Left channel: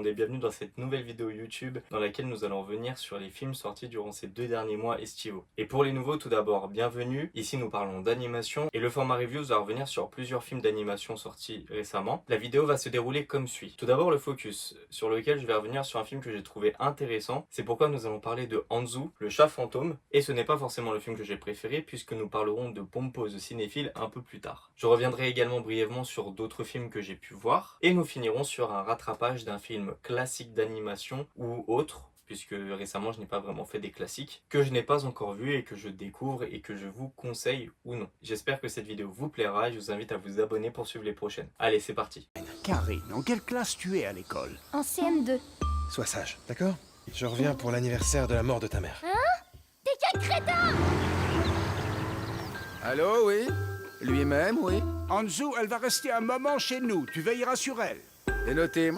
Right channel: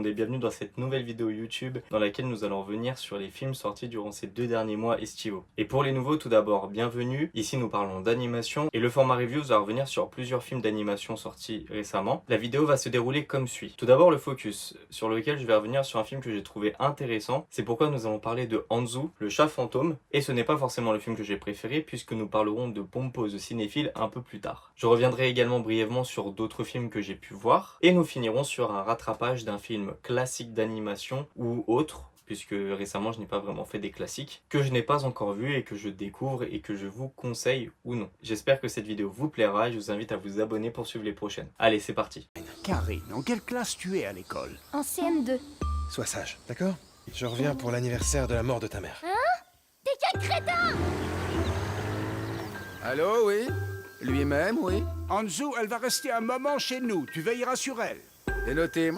monde et bienvenue dans cette nouvelle vidéo YouTube dans laquelle nous allons revenir sur les films sortis durant ces 2 derniers mois estivaux. Et pour les nouveaux, tout d'abord, bienvenue. Ici nous parlons d'animation et le format review va revenir sur plusieurs films d'animation sortis récemment. La vidéo va se dérouler comme suit. Tout d'abord le focus, sur lequel je vais revenir sur un film que j'ai trouvé intéressant. C'est pourquoi nous allons parler de Anzu, le chat fantôme. Et ce n'est pas forcément le film que j'ai préféré puisque nous parlerons de Pompose cinéphile un peu plus tard. Je reviendrai également brièvement sur d'autres films que j'ai pu voir et nous finirons sur un rattrapage d'un film classique d'animation ou autre, puisque récemment je n'ai pas vraiment fait des classiques, que je n'ai pas encore vu et que je découvre et que je vous conseille ou non. J'espère que cette vidéo vous plaira et je vous invite à vous abonner pour suivre les prochaines. Allez, c'est parti. Karine, en quelle classe tu es à l'école? En CM2. Sois sage, d'accord? Je reviens pour l'anniversaire de la mort de ta mère. T'es quel crétin! Allô, oui? Lui-même, oui? Anzu, elle va rester un moment chez nous, tu veilleras sur elle. C'est noté.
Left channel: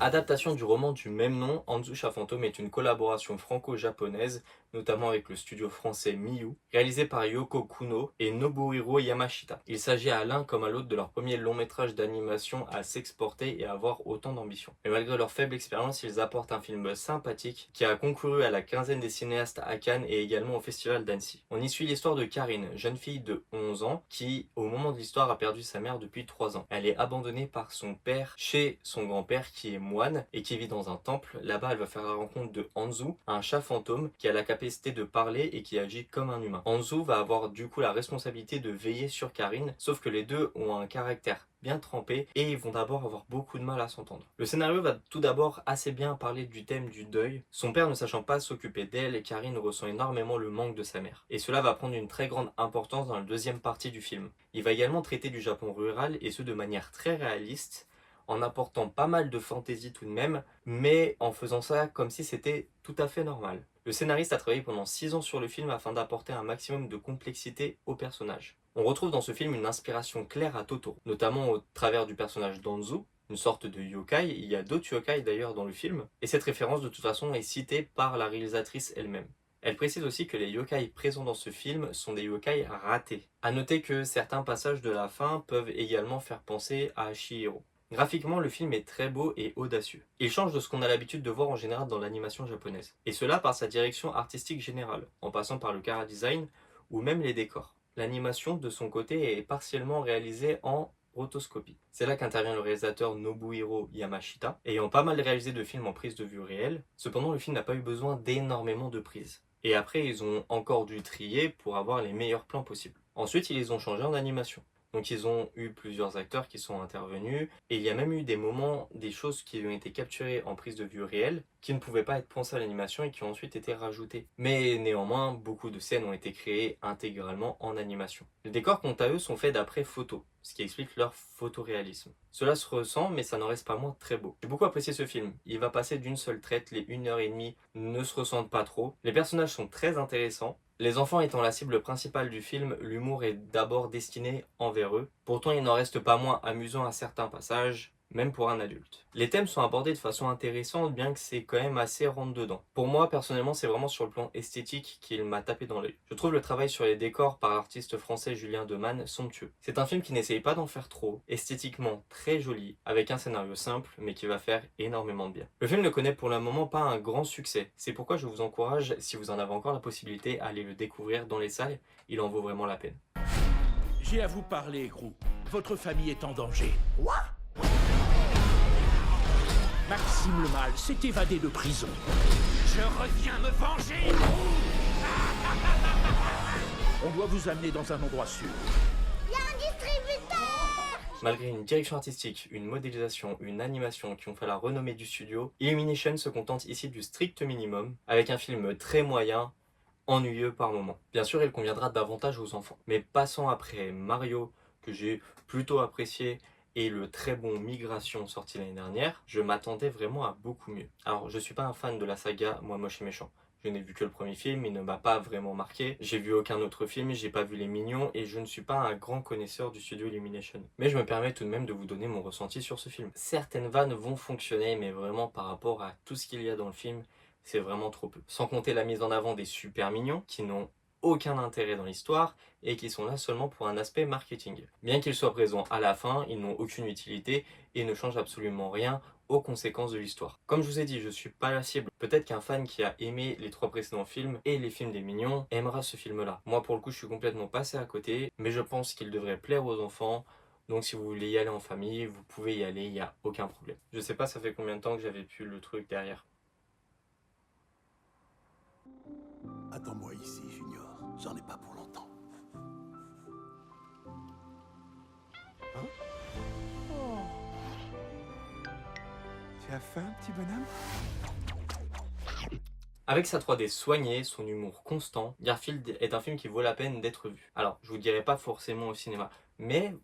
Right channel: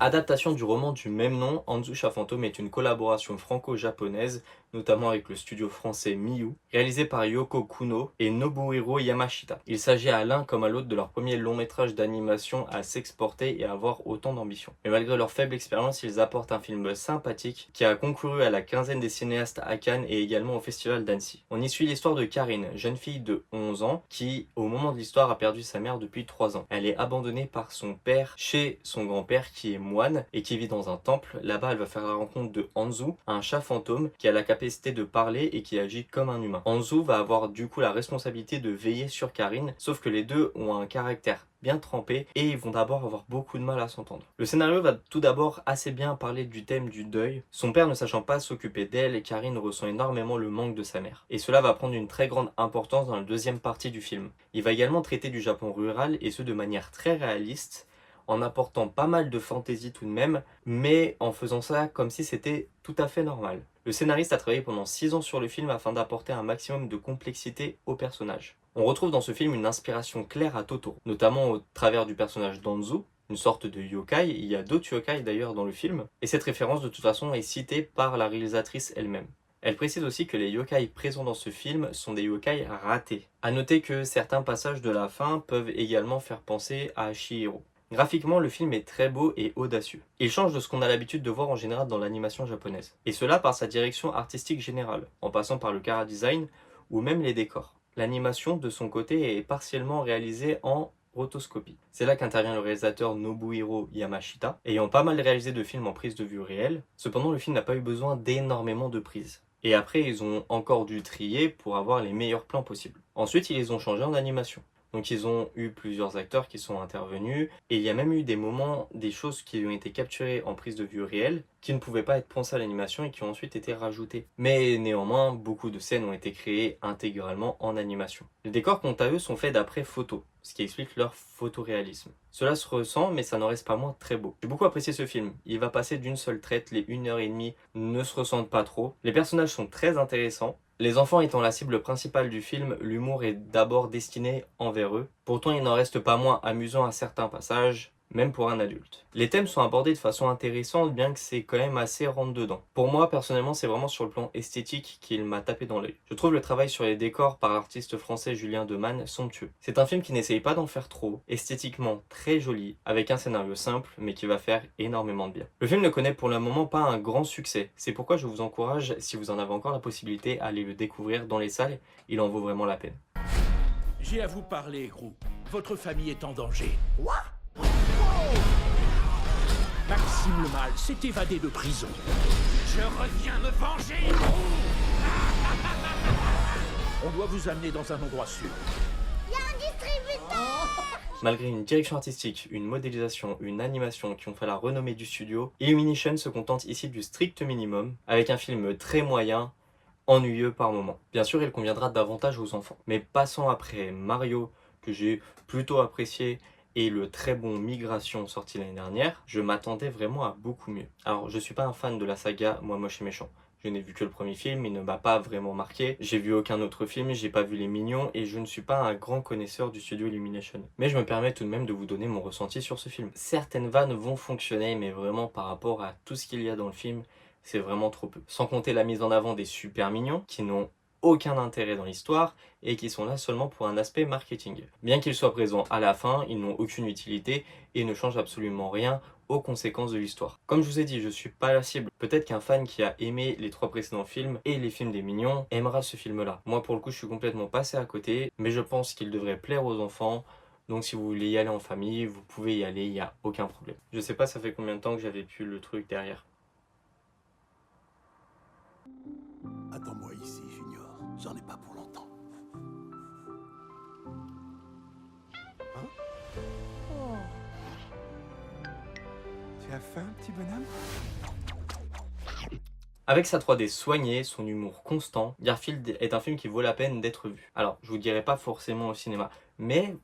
Adaptation du roman du même nom, Anzu Chat Fantôme est une collaboration franco-japonaise, notamment avec le studio français Miyu, réalisée par Yoko Kuno et Nobuhiro Yamashita. Il s'agit à l'un comme à l'autre de leur premier long métrage d'animation à s'exporter et à avoir autant d'ambition. Mais malgré leur faible expérience, ils apportent un film sympathique qui a concouru à la quinzaine des cinéastes à Cannes et également au festival d'Annecy. On y suit l'histoire de Karine, jeune fille de 11 ans qui, au moment de l'histoire, a perdu sa mère depuis 3 ans. Elle est abandonnée par son père chez son grand-père qui est moine et qui vit dans un temple. Là-bas, elle va faire la rencontre de Anzu, un chat fantôme qui a la capacité de parler et qui agit comme un humain. Anzu va avoir du coup la responsabilité de veiller sur Karine, sauf que les deux ont un caractère bien trempé et ils vont d'abord avoir beaucoup de mal à s'entendre. Le scénario va tout d'abord assez bien parler du thème du deuil. Son père ne sachant pas s'occuper d'elle, Karine ressent énormément le manque de sa mère. Et cela va prendre une très grande importance dans la deuxième partie du film. Il va également traiter du Japon rural et ce de manière très réaliste, en apportant pas mal de fantaisie tout de même, mais en faisant ça comme si c'était tout à fait normal. Le scénariste a travaillé pendant 6 ans sur le film afin d'apporter un maximum de complexité au personnage. On retrouve dans ce film une inspiration claire à Totoro, notamment au travers du personnage d'Anzu, une sorte de yokai. Il y a d'autres yokai d'ailleurs dans le film, et cette référence de toute façon est citée par la réalisatrice elle-même. Elle précise aussi que les yokai présents dans ce film sont des yokai ratés. A noter que certains passages de la fin peuvent également faire penser à Chihiro. Graphiquement, le film est très beau et audacieux. Il change de ce qu'on a l'habitude de voir en général dans l'animation japonaise. Et cela par sa direction artistique générale, en passant par le chara-design ou même les décors. L'animation, de son côté, est partiellement réalisée en rotoscopie. C'est là qu'intervient le réalisateur Nobuhiro Yamashita, ayant pas mal réalisé de films en prise de vue réelle. Cependant, le film n'a pas eu besoin d'énormément de prises. Et après, ils ont encore dû trier pour avoir les meilleurs plans possibles. Ensuite, ils les ont changés en animation. Donc ils ont eu plusieurs acteurs qui sont intervenus et il y a même eu des moments, des choses qui ont été capturées en prise de vue réelle qui ne pouvaient pas être pensées à l'animation et qui ont ensuite été rajoutées. Mais néanmoins, beaucoup de scènes ont été créées intégralement en animation. Les décors quant à eux sont faits d'après photos, ce qui explique leur photoréalisme. Cela se ressent mais ça n'en reste pas moins très beau. J'ai beaucoup apprécié ce film, il va passer d'une seule traite, les 1h30 ne se ressentent pas trop. Les personnages sont très intéressants. Les enfants étant la cible principale du film, l'humour est d'abord destiné envers eux. Pourtant, il n'en reste pas moins amusant à certains passages, même pour un adulte. Les thèmes sont abordés de façon intéressante, bien que c'est quand même assez rentre-dedans. Pour moi, personnellement, c'est vraiment sur le plan esthétique qu'il m'a tapé dans l'œil. Je trouve le travail sur les décors par l'artiste français Julien Demanne somptueux. C'est un film qui n'essaye pas d'en faire trop, esthétiquement très joli, avec un scénario simple, mais qui va faire énormément de bien. Le film ne connaît pour le moment pas un grand succès, c'est pourquoi je vous encourage, si vous en avez encore la possibilité, à aller le découvrir dans les salles, il en vaut vraiment la peine. J'ai à vous parler, Grou. Votre famille est en danger. Quoi? Maxime le Mal s'est évadé de prison. Je reviens me venger, Grou. On doit vous amener dans un endroit sûr. Malgré une direction artistique, une modélisation, une animation qui ont fait la renommée du studio, Illumination se contente ici du strict minimum, avec un film très moyen, ennuyeux par moments. Bien sûr, il conviendra davantage aux enfants. Mais passant après Mario, que j'ai plutôt apprécié, et le très bon Migration sorti l'année dernière, je m'attendais vraiment à beaucoup mieux. Alors, je suis pas un fan de la saga Moi Moche et Méchant. Je n'ai vu que le premier film, il ne m'a pas vraiment marqué. J'ai vu aucun autre film, j'ai pas vu Les Mignons et je ne suis pas un grand connaisseur du studio Illumination. Mais je me permets tout de même de vous donner mon ressenti sur ce film. Certaines vannes vont fonctionner, mais vraiment par rapport à tout ce qu'il y a dans le film, c'est vraiment trop peu. Sans compter la mise en avant des super mignons qui n'ont aucun intérêt dans l'histoire et qui sont là seulement pour un aspect marketing. Bien qu'ils soient présents à la fin, ils n'ont aucune utilité et ne changent absolument rien aux conséquences de l'histoire. Comme je vous ai dit, je suis pas la cible. Peut-être qu'un fan qui a aimé les 3 précédents films et les films des Mignons aimera ce film-là. Moi, pour le coup, je suis complètement passé à côté, mais je pense qu'il devrait plaire aux enfants. Donc si vous voulez y aller en famille, vous pouvez y aller, il n'y a aucun problème. Je sais pas ça fait combien de temps que j'avais pu le truc derrière. Attends-moi ici, Junior. J'en ai pas pour longtemps. Hein? Oh. Tu as faim, petit bonhomme? Avec sa 3D soignée, son humour constant, Garfield est un film qui vaut la peine d'être vu. Alors, je vous dirai pas forcément au cinéma, mais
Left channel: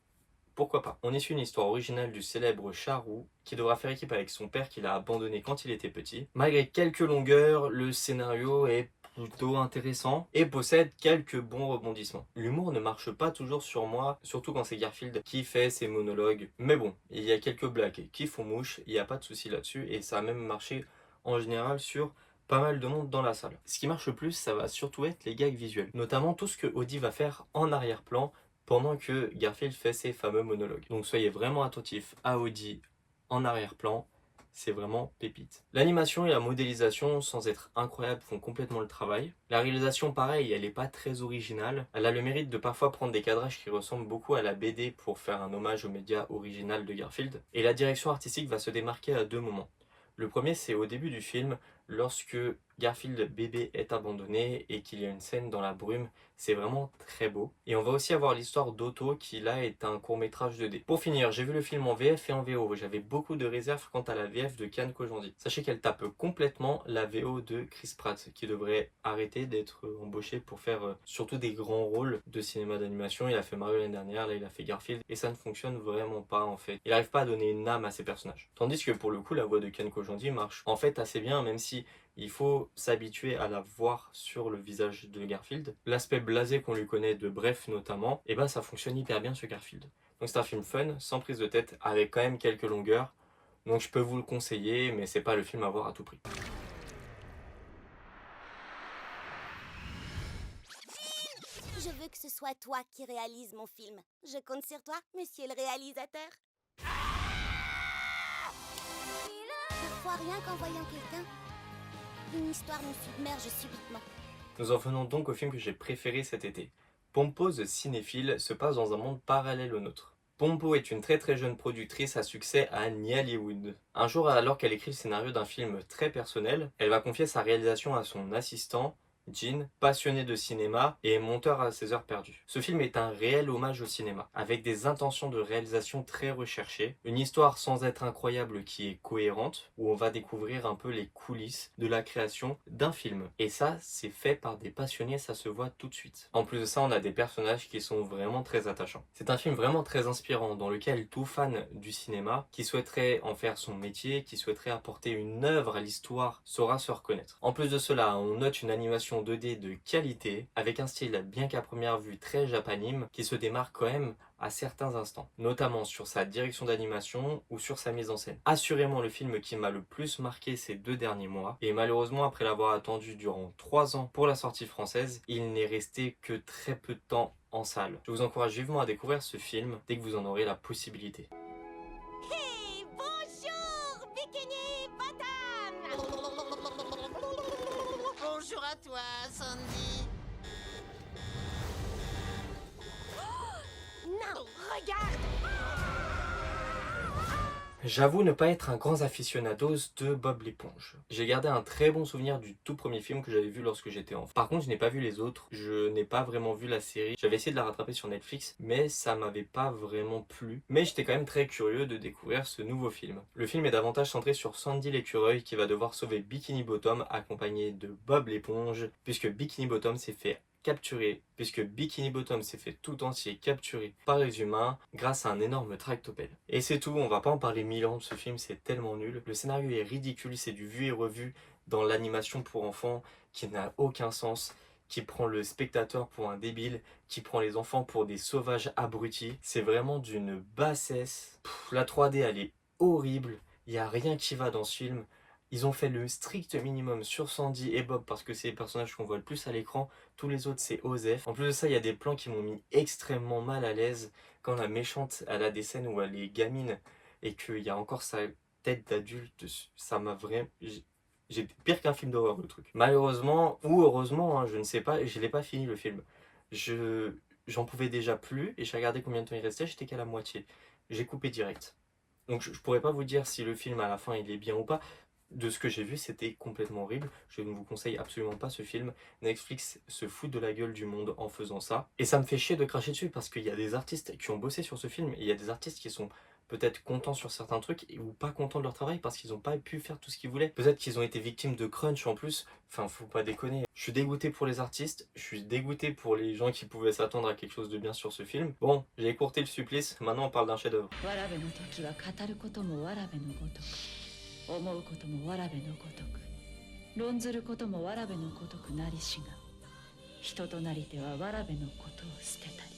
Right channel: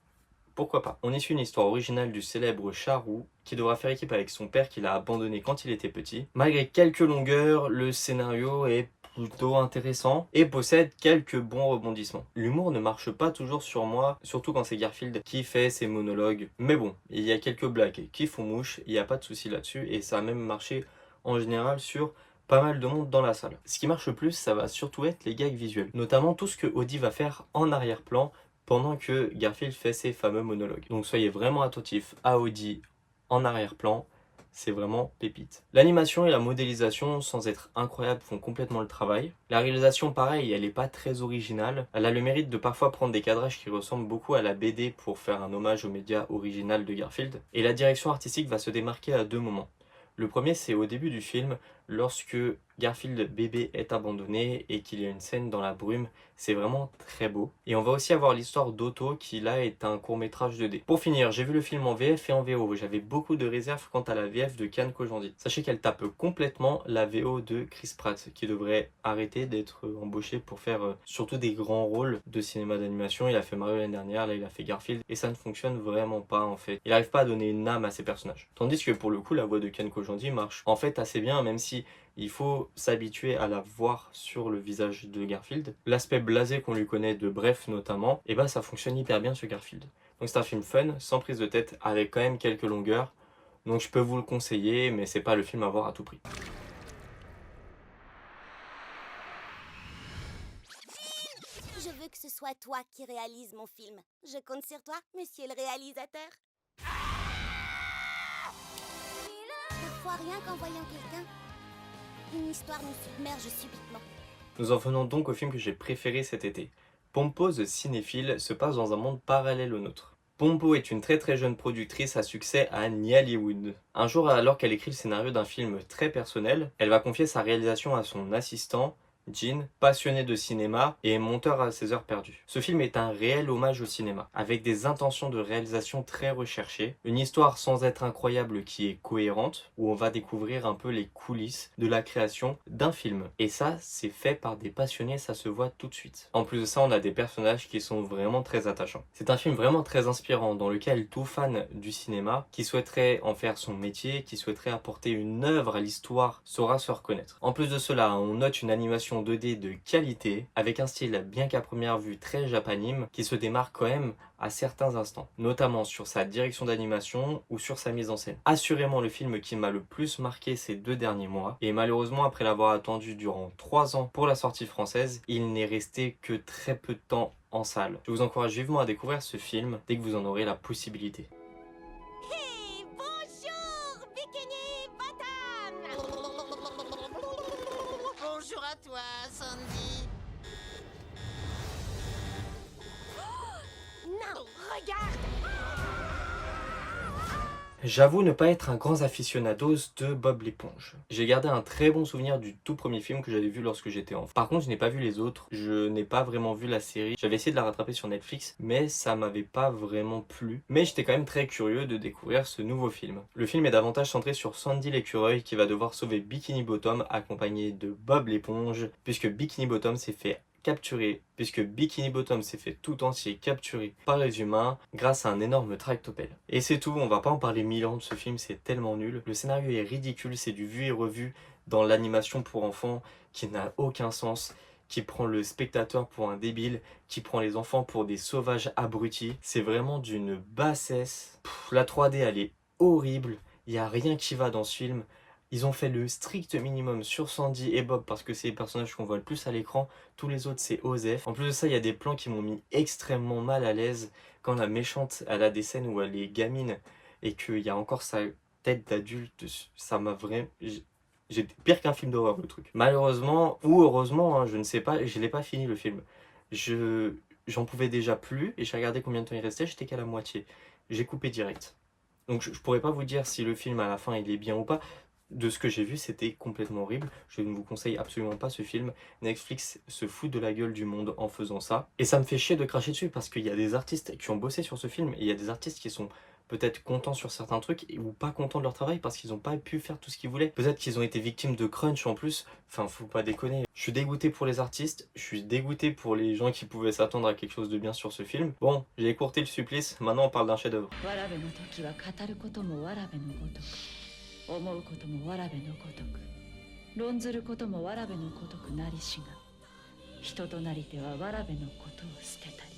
pourquoi pas. On est sur une histoire originale du célèbre Charou qui devra faire équipe avec son père qu'il a abandonné quand il était petit. Malgré quelques longueurs, le scénario est plutôt intéressant et possède quelques bons rebondissements. L'humour ne marche pas toujours sur moi, surtout quand c'est Garfield qui fait ses monologues. Mais bon, il y a quelques blagues qui font mouche, il n'y a pas de souci là-dessus et ça a même marché en général sur pas mal de monde dans la salle. Ce qui marche le plus, ça va surtout être les gags visuels, notamment tout ce que Audi va faire en arrière-plan pendant que Garfield fait ses fameux monologues. Donc soyez vraiment attentifs à Audi en arrière-plan, c'est vraiment pépite. L'animation et la modélisation, sans être incroyables, font complètement le travail. La réalisation, pareil, elle n'est pas très originale. Elle a le mérite de parfois prendre des cadrages qui ressemblent beaucoup à la BD pour faire un hommage au média original de Garfield. Et la direction artistique va se démarquer à 2 moments. Le premier, c'est au début du film, lorsque Garfield bébé est abandonné et qu'il y a une scène dans la brume. C'est vraiment très beau. Et on va aussi avoir l'histoire d'Otto qui là est un court-métrage 2D. Pour finir, j'ai vu le film en VF et en VO. J'avais beaucoup de réserves quant à la VF de Kian Kojandi. Sachez qu'elle tape complètement la VO de Chris Pratt, qui devrait arrêter d'être embauché pour faire surtout des grands rôles de cinéma d'animation. Il a fait Mario l'année dernière, là il a fait Garfield, et ça ne fonctionne vraiment pas en fait. Il n'arrive pas à donner une âme à ses personnages. Tandis que pour le coup, la voix de Kian Kojandi marche en fait assez bien, même si il faut s'habituer à la voir sur le visage de Garfield. L'aspect blasé qu'on lui connaît de Bref notamment, et ben ça fonctionne hyper bien sur Garfield. Donc c'est un film fun, sans prise de tête, avec quand même quelques longueurs. Donc je peux vous le conseiller, mais c'est pas le film à voir à tout prix. Je veux que ce soit toi qui réalise mon film. Je compte sur toi, monsieur le réalisateur. Parfois, rien qu'en voyant quelqu'un, une histoire nous submerge subitement. Nous en venons donc au film que j'ai préféré cet été. Pompo the Cinéphile se passe dans un monde parallèle au nôtre. Pompo est une très jeune productrice à succès à Nollywood. Un jour, alors qu'elle écrit le scénario d'un film très personnel, elle va confier sa réalisation à son assistant, Jean, passionné de cinéma et monteur à ses heures perdues. Ce film est un réel hommage au cinéma, avec des intentions de réalisation très recherchées, une histoire sans être incroyable qui est cohérente, où on va découvrir un peu les coulisses de la création d'un film. Et ça, c'est fait par des passionnés, ça se voit tout de suite. En plus de ça, on a des personnages qui sont vraiment très attachants. C'est un film vraiment très inspirant, dans lequel tout fan du cinéma, qui souhaiterait en faire son métier, qui souhaiterait apporter une œuvre à l'histoire, saura se reconnaître. En plus de cela, on note une animation 2D de qualité, avec un style bien qu'à première vue très japanime, qui se démarque quand même à certains instants, notamment sur sa direction d'animation ou sur sa mise en scène. Assurément le film qui m'a le plus marqué ces 2 derniers mois, et malheureusement après l'avoir attendu durant 3 ans pour la sortie française, il n'est resté que très peu de temps en salle. Je vous encourage vivement à découvrir ce film dès que vous en aurez la possibilité. Hey, bonjour, Bikini Bottom. Bonjour à toi, Sandy. Non, regarde. J'avoue ne pas être un grand aficionados de Bob l'éponge. J'ai gardé un très bon souvenir du tout premier film que j'avais vu lorsque j'étais enfant. Par contre, je n'ai pas vu les autres, je n'ai pas vraiment vu la série. J'avais essayé de la rattraper sur Netflix, mais ça m'avait pas vraiment plu. Mais j'étais quand même très curieux de découvrir ce nouveau film. Le film est davantage centré sur Sandy l'écureuil qui va devoir sauver Bikini Bottom accompagné de Bob l'éponge, puisque Bikini Bottom s'est fait tout entier capturé par les humains grâce à un énorme tractopelle. Et c'est tout, on va pas en parler 1000 ans de ce film, c'est tellement nul. Le scénario est ridicule, c'est du vu et revu dans l'animation pour enfants qui n'a aucun sens, qui prend le spectateur pour un débile, qui prend les enfants pour des sauvages abrutis. C'est vraiment d'une bassesse. La 3D elle est horrible, il n'y a rien qui va dans ce film. Ils ont fait le strict minimum sur Sandy et Bob parce que c'est les personnages qu'on voit le plus à l'écran. Tous les autres, c'est Osef. En plus de ça, il y a des plans qui m'ont mis extrêmement mal à l'aise quand la méchante, elle a des scènes où elle est gamine et qu'il y a encore sa tête d'adulte. Ça m'a vraiment... J'ai pire qu'un film d'horreur, le truc. Malheureusement, ou heureusement, hein, je ne sais pas, je l'ai pas fini le film. J'en pouvais déjà plus et j'ai regardé combien de temps il restait, j'étais qu'à la moitié. J'ai coupé direct. Donc je pourrais pas vous dire si le film à la fin il est bien ou pas. De ce que j'ai vu, c'était complètement horrible. Je ne vous conseille absolument pas ce film. Netflix se fout de la gueule du monde en faisant ça. Et ça me fait chier de cracher dessus parce qu'il y a des artistes qui ont bossé sur ce film et il y a des artistes qui sont peut-être contents sur certains trucs ou pas contents de leur travail parce qu'ils n'ont pas pu faire tout ce qu'ils voulaient. Peut-être qu'ils ont été victimes de crunch en plus. Enfin, faut pas déconner. Je suis dégoûté pour les artistes, je suis dégoûté pour les gens qui pouvaient s'attendre à quelque chose de bien sur ce film. Bon, j'ai écourté le supplice, maintenant on parle d'un chef-d'œuvre. 思うこともわらべのごとく論ずることもわらべのごとくなりしが人となりてはわらべのことを捨てたり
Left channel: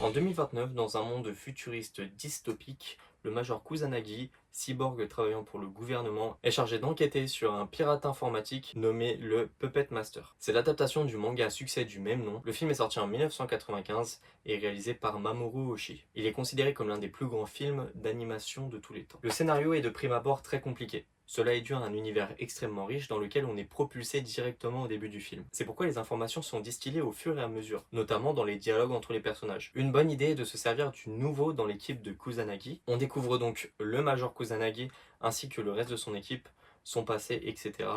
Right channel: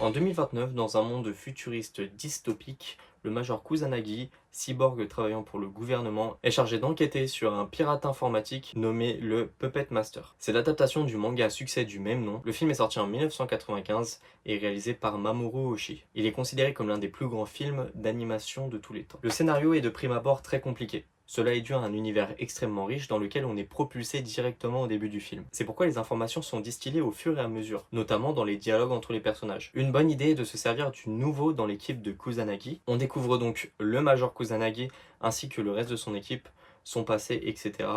En 2029, dans un monde futuriste dystopique, le major Kusanagi, cyborg travaillant pour le gouvernement, est chargé d'enquêter sur un pirate informatique nommé le Puppet Master. C'est l'adaptation du manga à succès du même nom. Le film est sorti en 1995 et réalisé par Mamoru Oshii. Il est considéré comme l'un des plus grands films d'animation de tous les temps. Le scénario est de prime abord très compliqué. Cela est dû à un univers extrêmement riche dans lequel on est propulsé directement au début du film. C'est pourquoi les informations sont distillées au fur et à mesure, notamment dans les dialogues entre les personnages. Une bonne idée est de se servir du nouveau dans l'équipe de Kusanagi. On découvre donc le Major Kusanagi ainsi que le reste de son équipe, son passé, etc.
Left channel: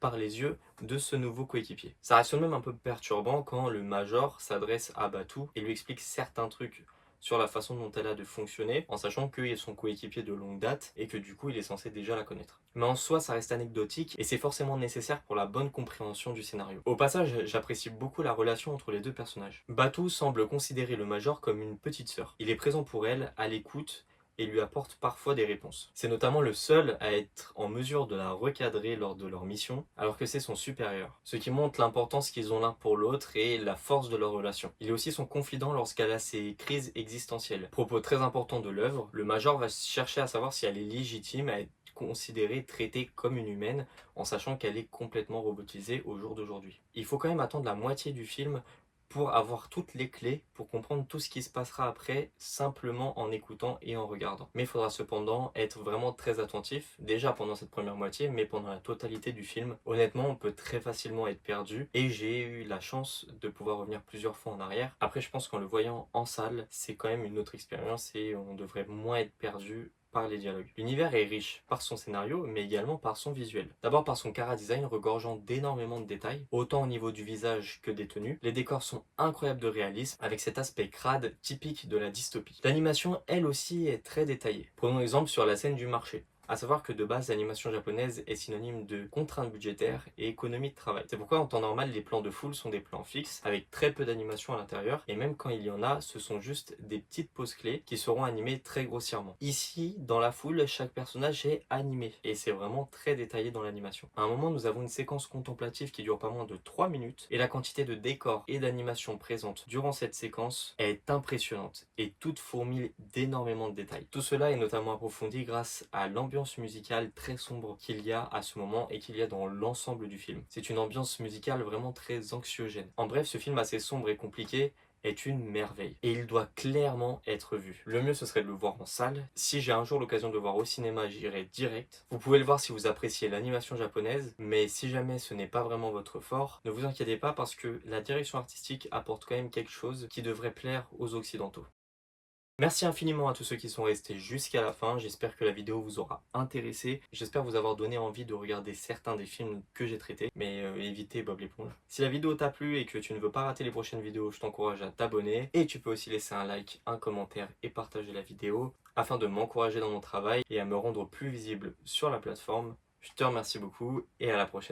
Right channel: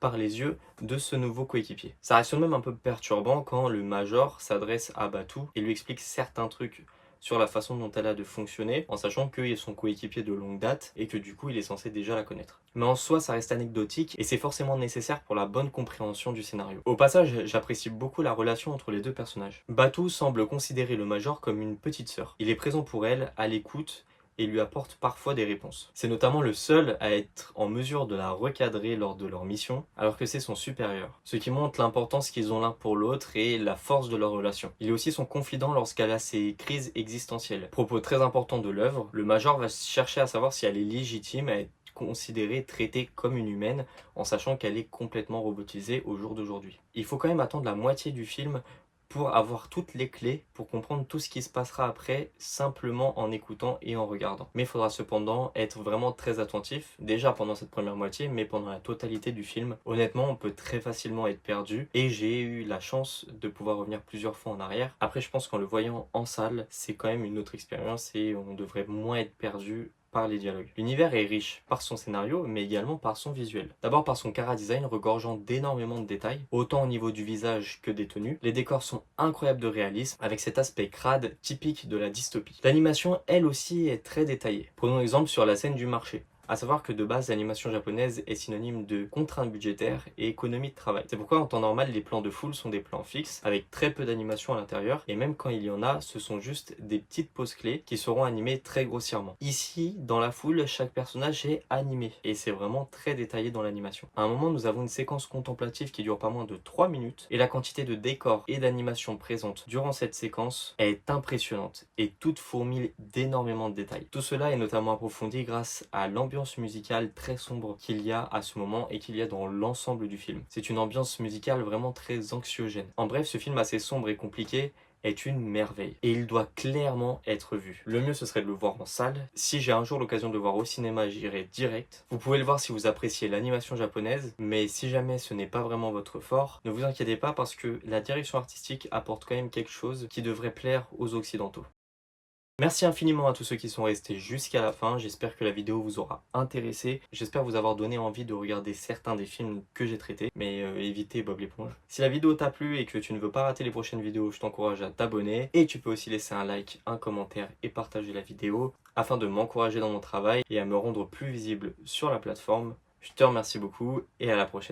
par les yeux de ce nouveau coéquipier. Ça reste même un peu perturbant quand le Major s'adresse à Batu et lui explique certains trucs sur la façon dont elle a de fonctionner, en sachant qu'il est son coéquipier de longue date et que du coup il est censé déjà la connaître. Mais en soi ça reste anecdotique et c'est forcément nécessaire pour la bonne compréhension du scénario. Au passage, j'apprécie beaucoup la relation entre les deux personnages. Batu semble considérer le Major comme une petite sœur. Il est présent pour elle, à l'écoute, et lui apporte parfois des réponses. C'est notamment le seul à être en mesure de la recadrer lors de leur mission, alors que c'est son supérieur. Ce qui montre l'importance qu'ils ont l'un pour l'autre et la force de leur relation. Il est aussi son confident lorsqu'elle a ses crises existentielles. Propos très important de l'œuvre, le Major va chercher à savoir si elle est légitime à être considérée, traitée comme une humaine, en sachant qu'elle est complètement robotisée au jour d'aujourd'hui. Il faut quand même attendre la moitié du film pour avoir toutes les clés, pour comprendre tout ce qui se passera après, simplement en écoutant et en regardant. Mais il faudra cependant être vraiment très attentif, déjà pendant cette première moitié, mais pendant la totalité du film. Honnêtement, on peut très facilement être perdu, et j'ai eu la chance de pouvoir revenir plusieurs fois en arrière. Après, je pense qu'en le voyant en salle, c'est quand même une autre expérience, et on devrait moins être perdu par les dialogues. L'univers est riche par son scénario, mais également par son visuel. D'abord par son chara-design regorgeant d'énormément de détails, autant au niveau du visage que des tenues. Les décors sont incroyables de réalisme, avec cet aspect crade typique de la dystopie. L'animation, elle aussi, est très détaillée. Prenons exemple sur la scène du marché. À savoir que de base, l'animation japonaise est synonyme de contraintes budgétaires et économie de travail. C'est pourquoi en temps normal, les plans de foule sont des plans fixes, avec très peu d'animation à l'intérieur, et même quand il y en a, ce sont juste des petites pauses clés qui seront animées très grossièrement. Ici, dans la foule, chaque personnage est animé, et c'est vraiment très détaillé dans l'animation. À un moment, nous avons une séquence contemplative qui dure pas moins de 3 minutes, et la quantité de décors et d'animation présente durant cette séquence est impressionnante, et toute fourmille d'énormément de détails. Tout cela est notamment approfondi grâce à l'ambiance musicale très sombre qu'il y a à ce moment et qu'il y a dans l'ensemble du film. C'est une ambiance musicale vraiment très anxiogène. En bref, ce film assez sombre et compliqué est une merveille et il doit clairement être vu. Le mieux ce serait de le voir en salle. Si j'ai un jour l'occasion de le voir au cinéma, j'irai direct. Vous pouvez le voir si vous appréciez l'animation japonaise, mais si jamais ce n'est pas vraiment votre fort, ne vous inquiétez pas parce que la direction artistique apporte quand même quelque chose qui devrait plaire aux occidentaux. Merci infiniment à tous ceux qui sont restés jusqu'à la fin, j'espère que la vidéo vous aura intéressé, j'espère vous avoir donné envie de regarder certains des films que j'ai traités, mais évitez Bob l'éponge. Si la vidéo t'a plu et que tu ne veux pas rater les prochaines vidéos, je t'encourage à t'abonner, et tu peux aussi laisser un like, un commentaire et partager la vidéo, afin de m'encourager dans mon travail et à me rendre plus visible sur la plateforme. Je te remercie beaucoup et à la prochaine.